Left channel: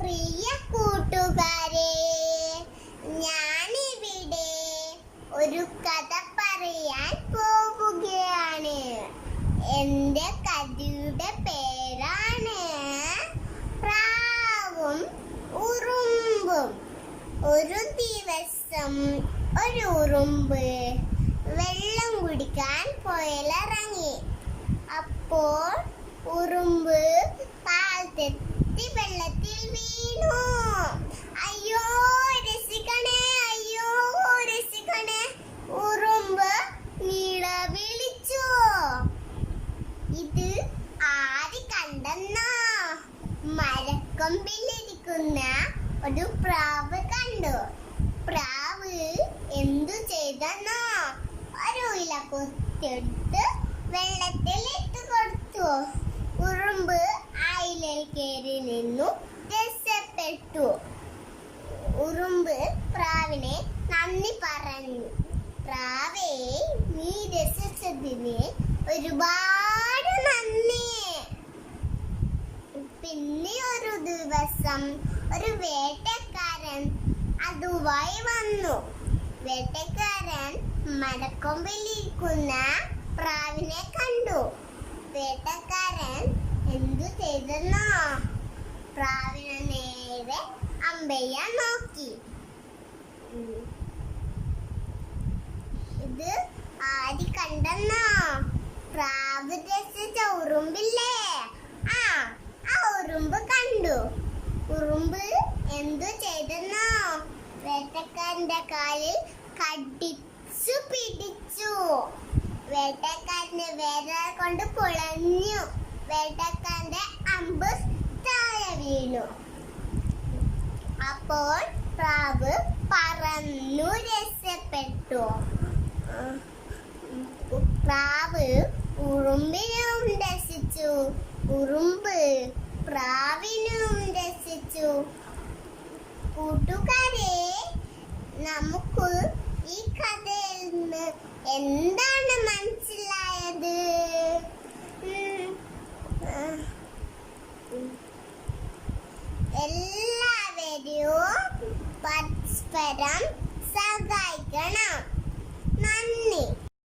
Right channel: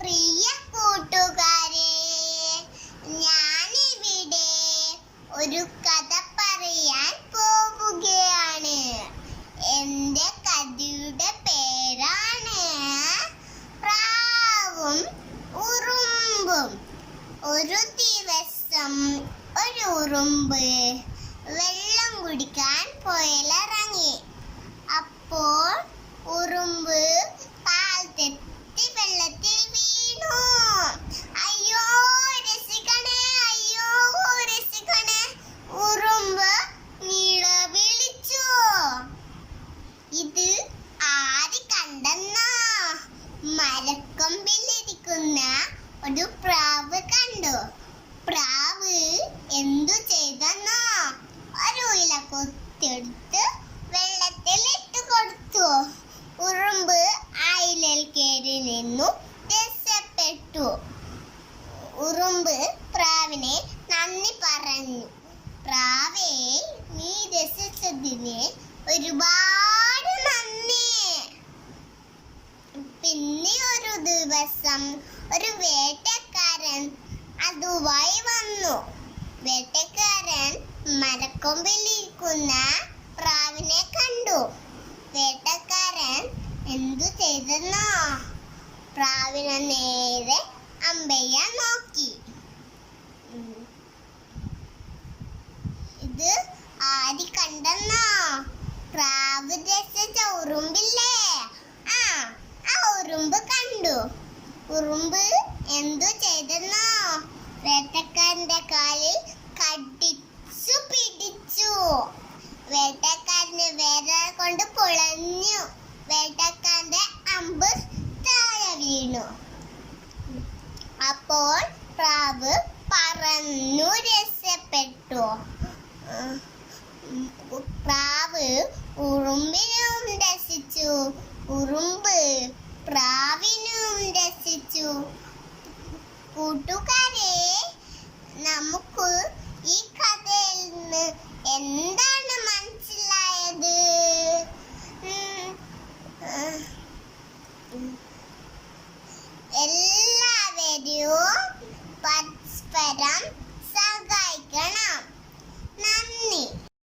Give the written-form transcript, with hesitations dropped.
പ്രിയ കൂട്ടുകാരെ, ഞാനിവിടെ ഒരു കഥ പറയാൻ പോവുകയാണ്. എൻ്റെ കഥയുടെ പേരാണ് പ്രാവും ഉറുമ്പും. ഒരു ദിവസം ഒരു ഉറുമ്പ് വെള്ളം കുടിക്കാൻ പുഴയിലിറങ്ങി. അപ്പോൾ ഉറുമ്പ് കാൽ തെറ്റി വെള്ളത്തിൽ വീണു. അയ്യോ രക്ഷിക്കണേ, അയ്യോ രക്ഷിക്കണേ, ഉറുമ്പ് നിലവിളിച്ചു. ഇത് ആര് കണ്ടെന്നോ? മരക്കൊമ്പിലിരിക്കുന്ന ഒരു പ്രാവ് കണ്ടു. പ്രാവ് എന്തു ചെയ്തെന്നോ? ഒരു ഇല കൊത്തിയെടുത്ത് വെള്ളത്തിൽ ഇട്ട് കൊടുത്തു. ഉറുമ്പ് ആ ഇലയിൽ കയറി നിന്നു രക്ഷപ്പെട്ടു. ഉറുമ്പ് പ്രാവിനെ നന്ദി പറഞ്ഞു. പ്രാവേ, നീ രക്ഷിച്ചതിന് ഒരുപാട് നന്ദി. പിന്നെ ഒരു ദിവസം ഒരു വേട്ടക്കാരൻ അതുമായി വന്നു. വേട്ടക്കാരൻ മരക്കൊമ്പിലിരിക്കുന്ന പ്രാവിനെ കണ്ടു. വേട്ടക്കാരൻ എന്തു ചെയ്തെന്നോ? പ്രാവിനെ നേരെ അമ്പെയ്യാൻ നോക്കി. ഇത് ആര് കണ്ടെന്നോ? പ്രാവ് രക്ഷിച്ച ഉറുമ്പില്ലേ, ആ ഉറുമ്പ് കണ്ടു. ഉറുമ്പ് എന്തു ചെയ്തെന്നോ? വേട്ടക്കാരന്റെ കാലിൽ കടിച്ചു പിടിച്ചു. വേട്ടക്കാരന് വിരൽ കൊണ്ട് പൊളഞ്ഞു. വേട്ടക്കാരന്റെ അമ്പ് താഴെ വീണു. അപ്പോൾ പ്രാവ് പറന്നു രക്ഷപ്പെട്ടു. പ്രാവ് ഉറുമ്പിനും രക്ഷിച്ചു, ഉറുമ്പ് പ്രാവിനും രക്ഷിച്ചു. കൂട്ടുകാരെ, നമുക്ക് ഈ കഥയിൽ നിന്ന് എന്താണ് മനസ്സിലായത്? എല്ലാവരും പരസ്പരം